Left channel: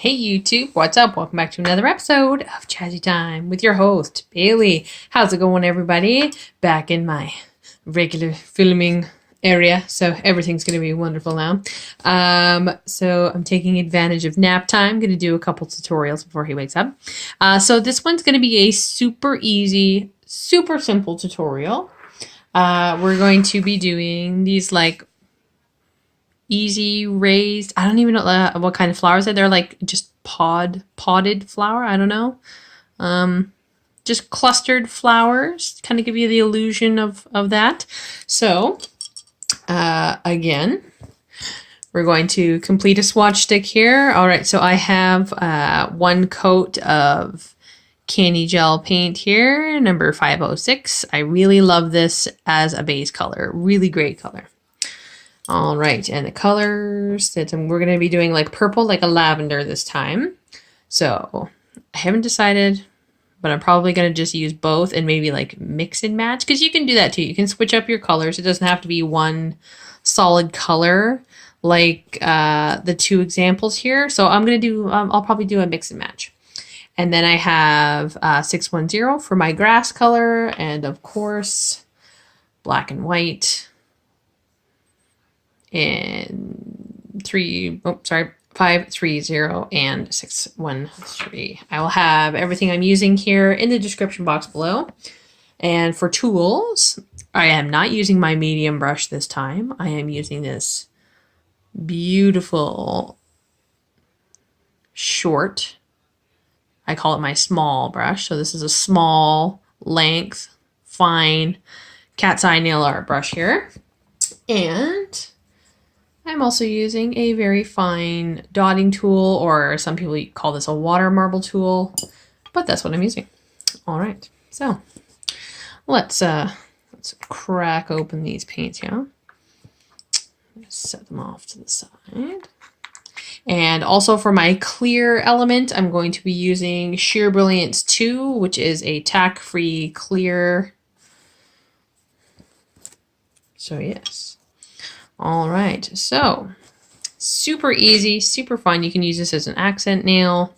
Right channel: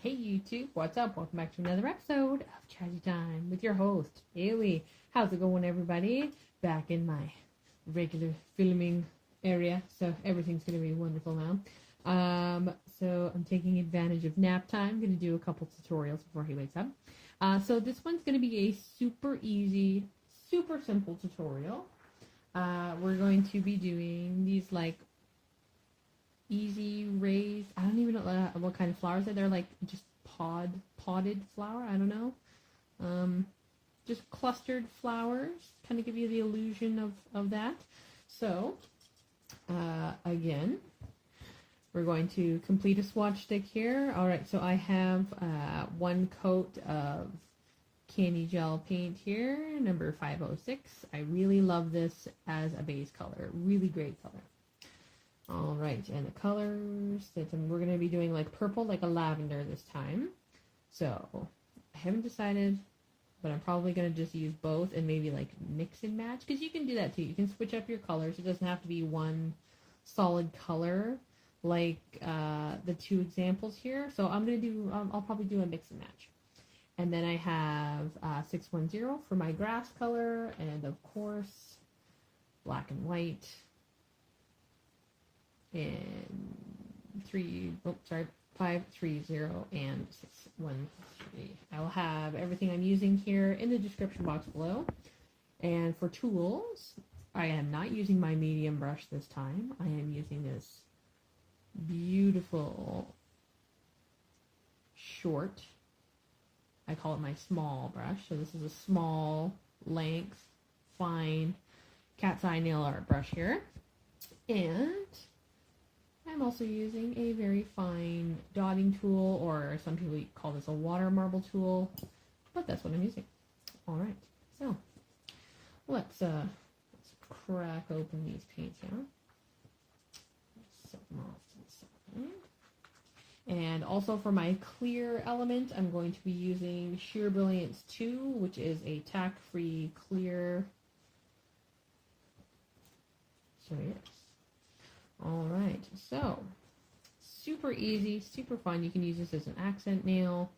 Hey YouTube, what's up? Welcome back to another episode of Chatty Time with your host, Bailey. How's it going, everybody? Back in my regular filming area, so everything's going to be wonderful now. So I'm taking advantage of nap time. I'm going to do a couple tutorials before he wakes up. So this one's going to be a super easy, super simple tutorial. We're going to be doing these like easy raised, I don't even know what kind of flowers they're like just potted flower, I don't know. Just clustered flowers, kind of give you the illusion of that. So again, we're going to complete a swatch stick here. All right, so I have one coat of Canni gel paint here, number 506. I really love this as a base color, really great color. All right, and the colors that we're going to be doing like purple, like a lavender this time. So I haven't decided, but I'm probably going to just use both and maybe like mix and match, because you can do that too. You can switch up your colors. It doesn't have to be one solid color like the two examples here. So I'm going to do, I'll probably do a mix and match. And then I have 610 for my grass color, and of course, black and white. And 530 and 613. I will have everything I'm using here in the description box below. And for tools, I am not using my medium brush this time. I am using this beautiful short, I call it my small brush. So this is a small length, fine cat's eye nail art brush here. And I'm also using a very fine dotting tool, or some people call this a water marble tool, but that's what I'm using. All right, so let's crack open these paints here. Set them off to the side. And also for my clear element, I'm going to be using Sheer Brilliance 2, which is a tack-free clear. So yes. All right, so super easy, super fun. You can use this as an accent nail.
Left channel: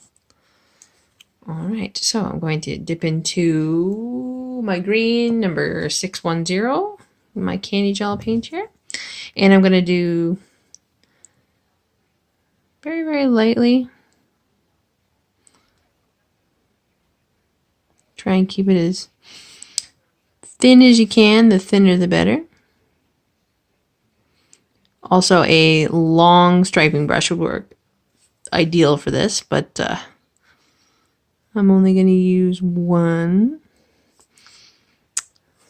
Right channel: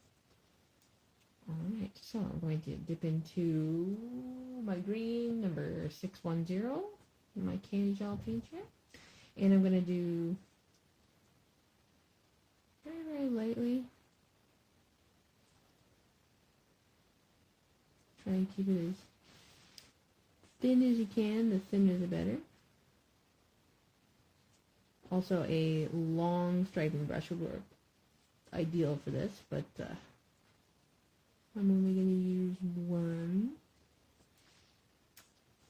All right, so I'm going to dip into my green, number 610, my Canni gel paint here. And I'm going to do very, very lightly. Try and keep it as thin as you can. The thinner, the better. Also, a long striping brush would work ideal for this, but I'm only going to use one.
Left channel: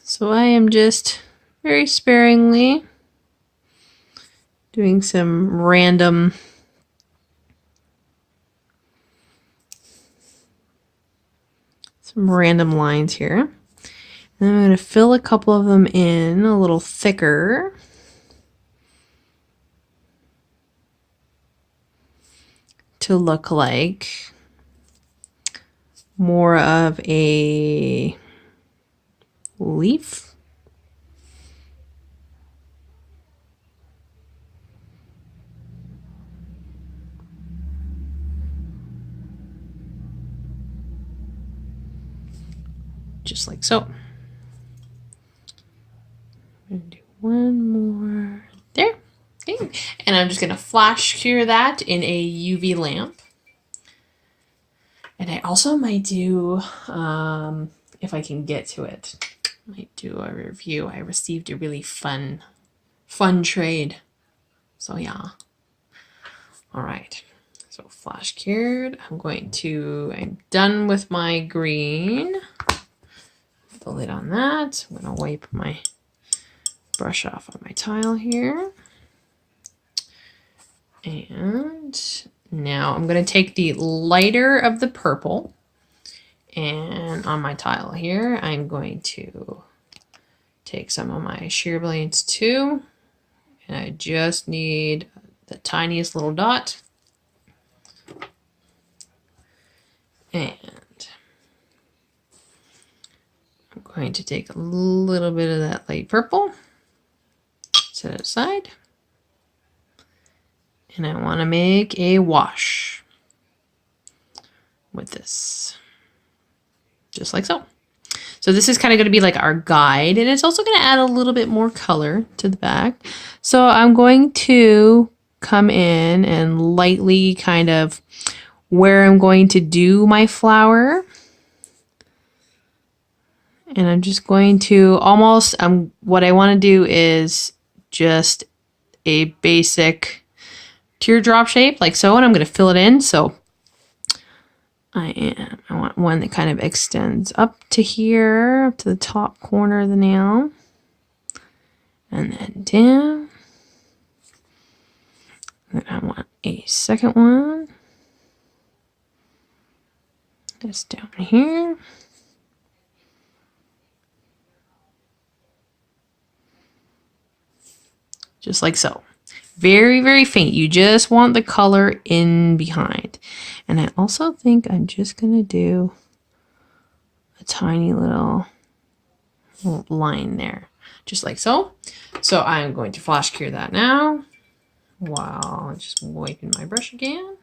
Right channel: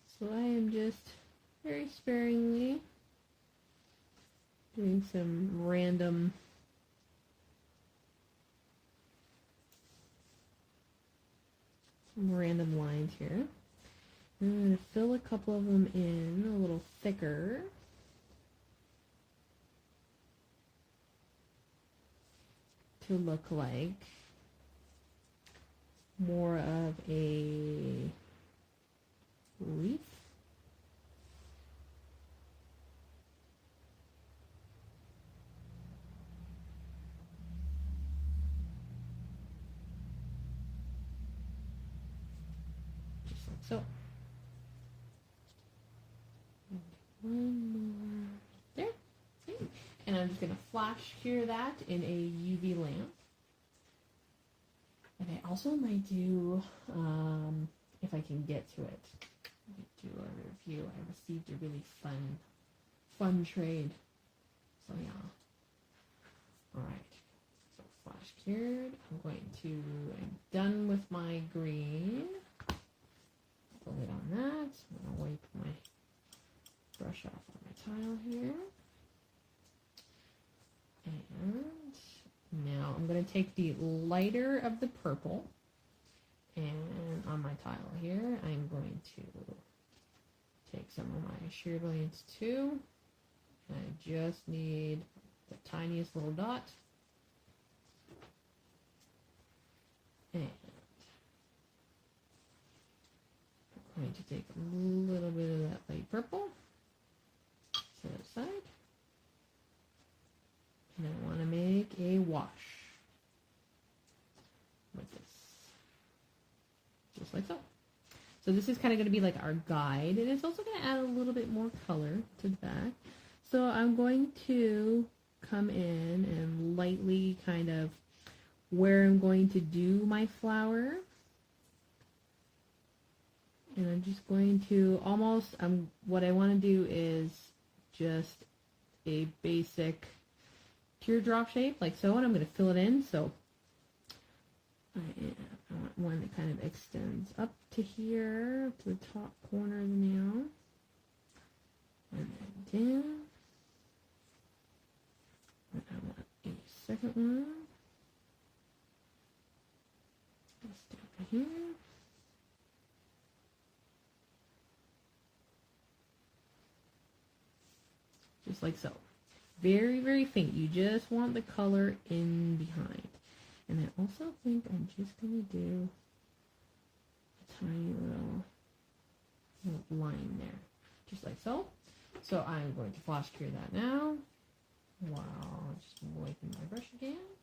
So I am just very sparingly doing some random lines here. And I'm going to fill a couple of them in a little thicker. To look like more of a leaf. Just like so. I'm gonna do one more there. Okay. And I'm just going to flash cure that in a UV lamp. And I also might do, if I can get to it, I might do a review. I received a really fun trade. So yeah. All right. So flash cured. I'm done with my green. Put the lid on that. I'm going to wipe my brush off on my tile here. And now I'm going to take the lighter of the purple, and on my tile here, I'm going to take some of my Sheer Brilliance 2, and I just need the tiniest little dot. And I'm going to take a little bit of that light purple, set it aside. And I want to make a wash. with this, just like so. So this is kind of going to be like our guide, and it's also going to add a little bit more color to the back. So I'm going to come in and lightly kind of where I'm going to do my flower. And I'm just going to almost, what I want to do is just a basic teardrop shape like so, and I'm going to fill it in. So I want one that kind of extends up to here, up to the top corner of the nail, and then down. And then I want a second one that's down here. Just like so. Very, very faint. You just want the color in behind. And I also think I'm just going to do a tiny little line there, just like so. So I'm going to flash cure that now while I'm just wiping my brush again.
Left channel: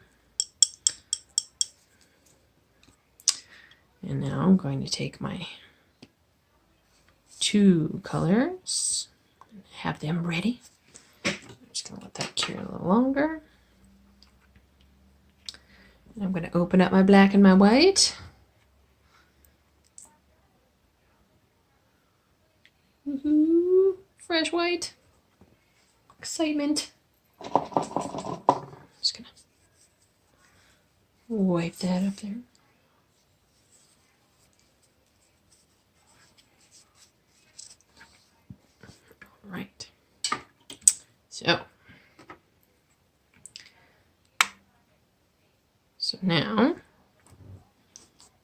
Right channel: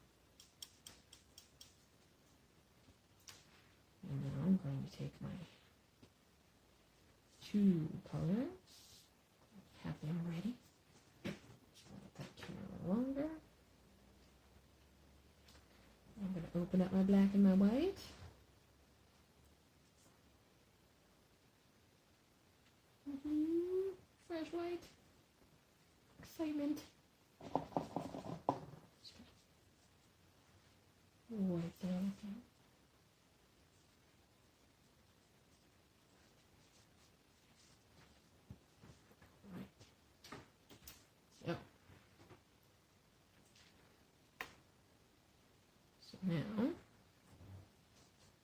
And now I'm going to take my 2 colors and have them ready. I'm just going to let that cure a little longer. I'm going to open up my black and my white. Woohoo! Fresh white. Excitement. Just going to wipe that up there. All right. So now,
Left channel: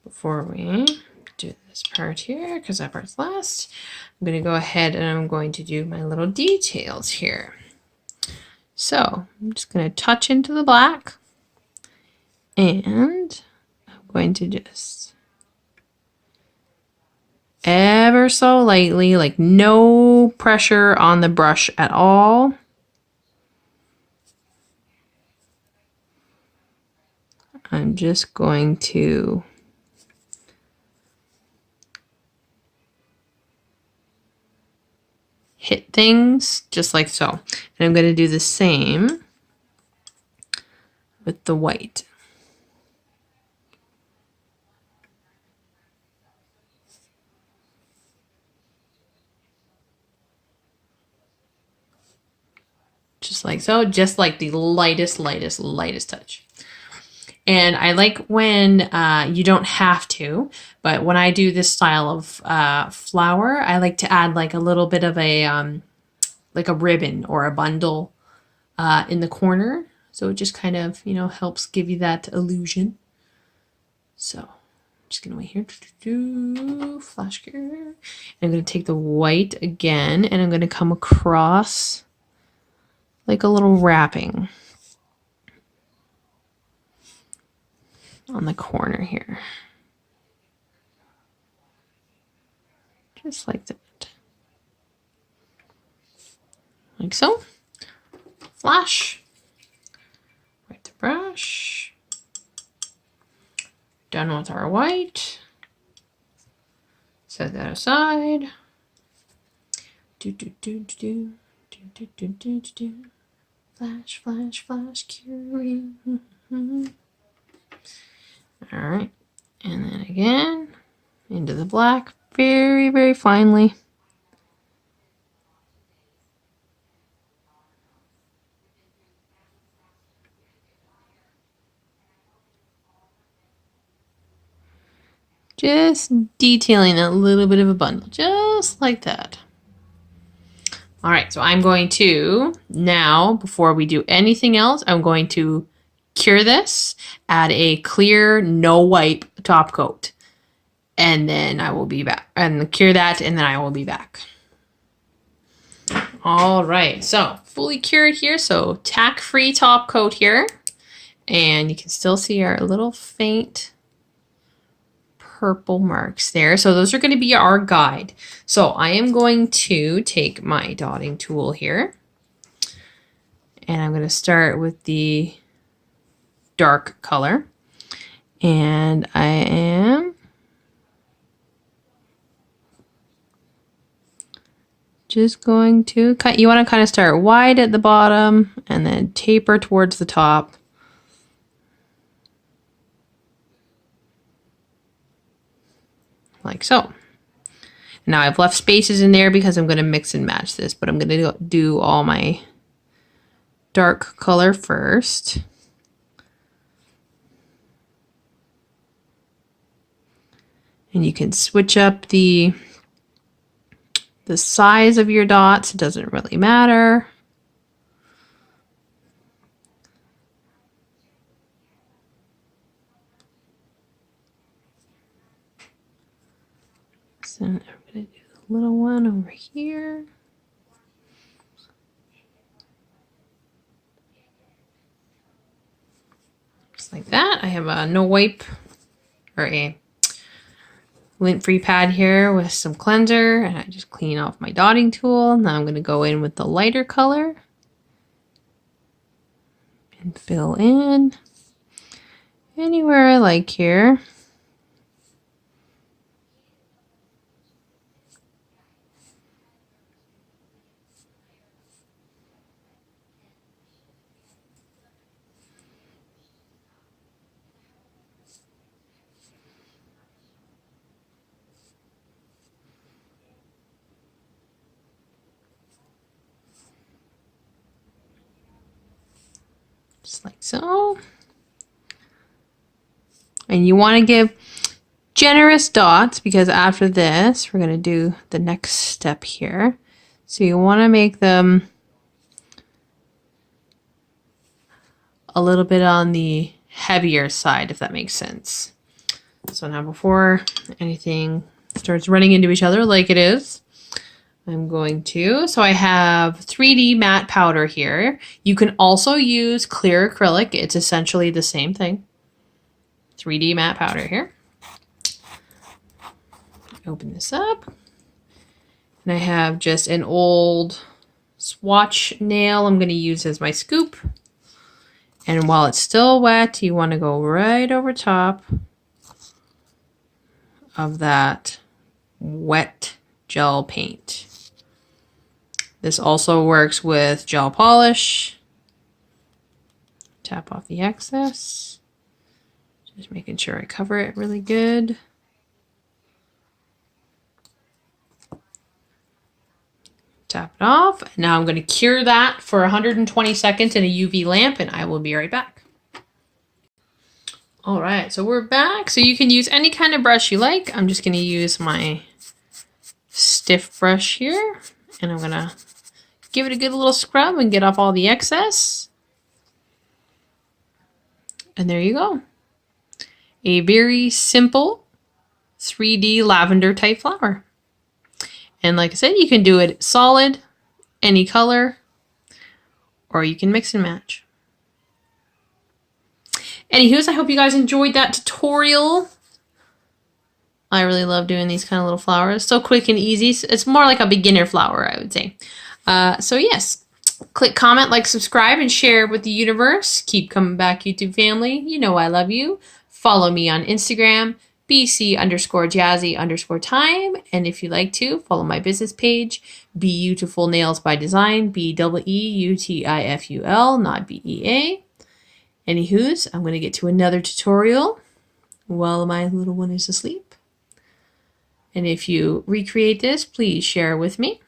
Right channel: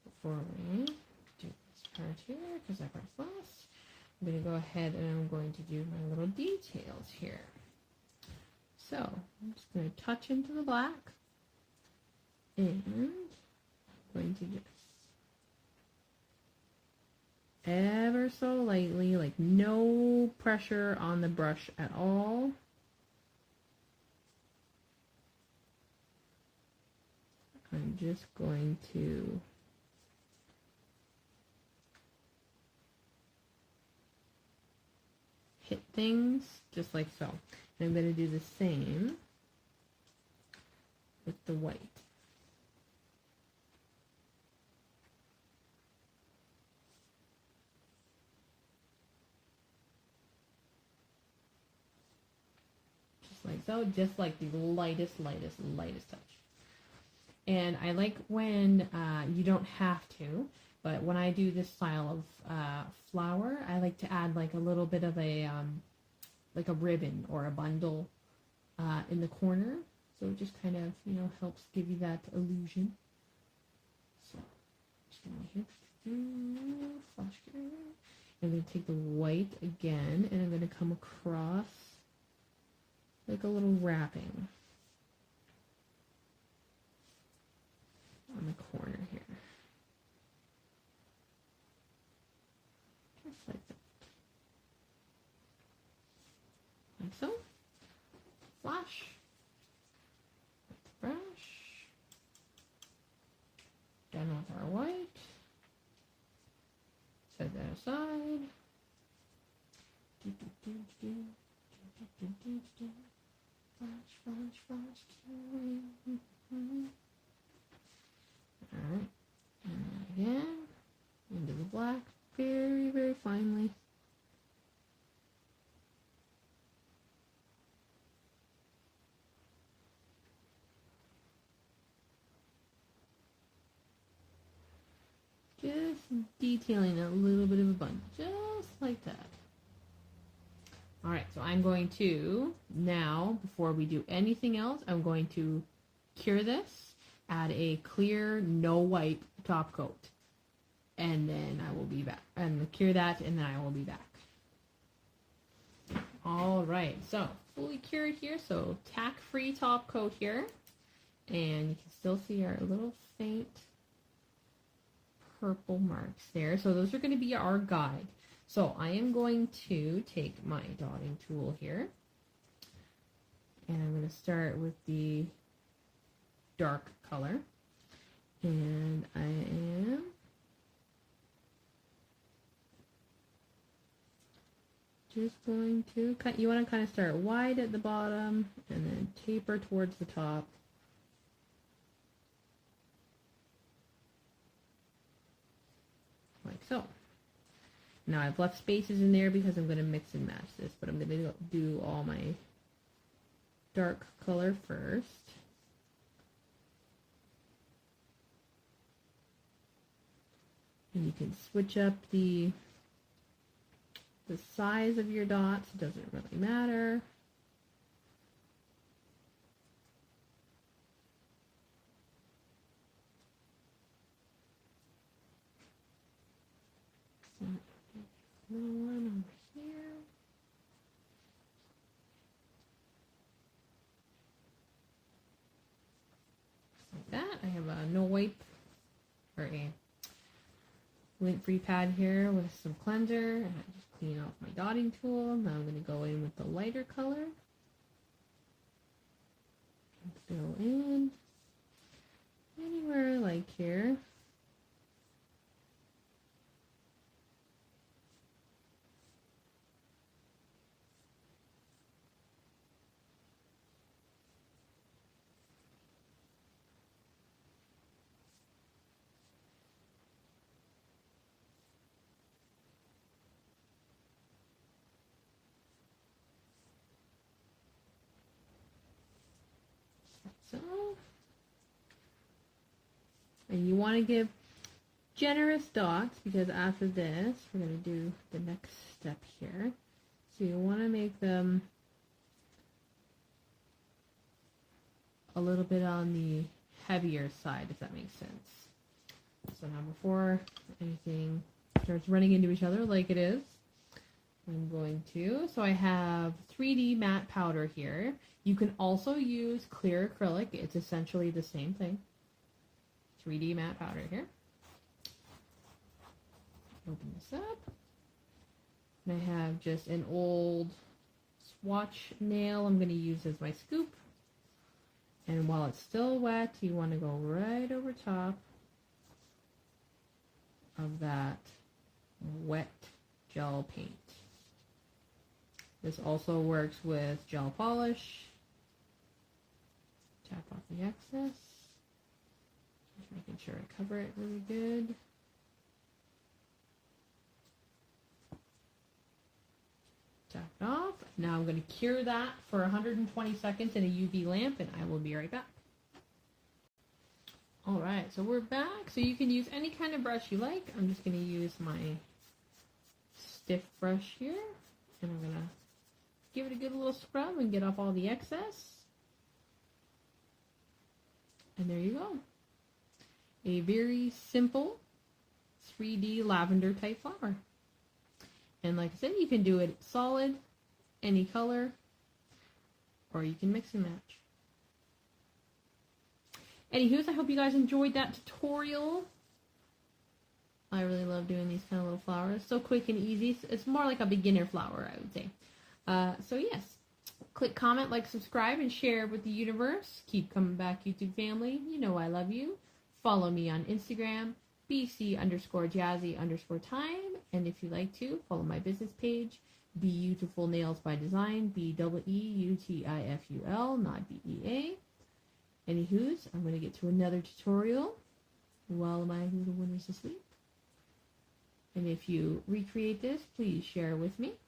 before we do this part here, because that part's last, I'm going to go ahead and I'm going to do my little details here. So I'm just going to touch into the black, and I'm going to just ever so lightly, like no pressure on the brush at all. I'm just going to hit things just like so. And I'm going to do the same with the white. Just like so, just like the lightest touch. And I like when you don't have to, but when I do this style of flower, I like to add like a little bit of a like a ribbon or a bundle in the corner. So it just kind of, helps give you that illusion. So I'm just gonna wait here. Flash cure. And I'm gonna take the white again, and I'm gonna come across like a little wrapping on the corner here. Just like that. Like so. Flash. Wipe the brush. Done with our white. Set that aside. Flash, flash, flash, curing. All right, and then again into the black, very, very finely. Just detailing a little bit of a bundle, just like that. All right, so I'm going to, now, before we do anything else, I'm going to cure this, add a clear, no wipe top coat, and then I will be back. And cure that, and then I will be back. All right, so fully cured here, so tack-free top coat here. And you can still see our little faint purple marks there. So those are going to be our guide. So I am going to take my dotting tool here, and I'm going to start with the dark color, And I am just going to cut. You want to kind of start wide at the bottom and then taper towards the top. Like so. Now I've left spaces in there because I'm going to mix and match this, but I'm going to do all my dark color first. And you can switch up the size of your dots. It doesn't really matter. So I'm going to do the little one over here. Just like that. I have a no wipe or a lint-free pad here with some cleanser, and I just clean off my dotting tool. Now I'm going to go in with the lighter color and fill in anywhere I like here. Just like so. And you want to give generous dots because after this, we're going to do the next step here. So you want to make them a little bit on the heavier side, if that makes sense. So now before anything starts running into each other like it is, I'm going to, so I have 3D matte powder here. You can also use clear acrylic. It's essentially the same thing. 3D matte powder here. Open this up. And I have just an old swatch nail I'm going to use as my scoop. And while it's still wet, you want to go right over top of that wet gel paint. This also works with gel polish. Tap off the excess. Just making sure I cover it really good. Tap it off. Now I'm going to cure that for 120 seconds in a UV lamp, and I will be right back. All right, so we're back. So you can use any kind of brush you like. I'm just going to use my stiff brush here, and I'm going to give it a good little scrub and get off all the excess. And there you go. A very simple 3D lavender type flower. And like I said, you can do it solid, any color, or you can mix and match. Anywho, I hope you guys enjoyed that tutorial. I really love doing these kind of little flowers. So quick and easy. It's more like a beginner flower, I would say. So yes, click comment, like, subscribe, and share with the universe. Keep coming back, YouTube family. You know I love you. Follow me on Instagram, BC_Jazzy_time. And if you like to, follow my business page, Beautiful Nails by Design, BEEUTIFUL, not BEA. Anywho's, I'm going to get to another tutorial while my little one is asleep. And if you recreate this, please share with me.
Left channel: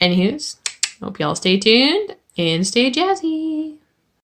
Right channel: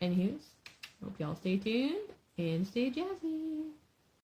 Anywho's, hope y'all stay tuned and stay jazzy.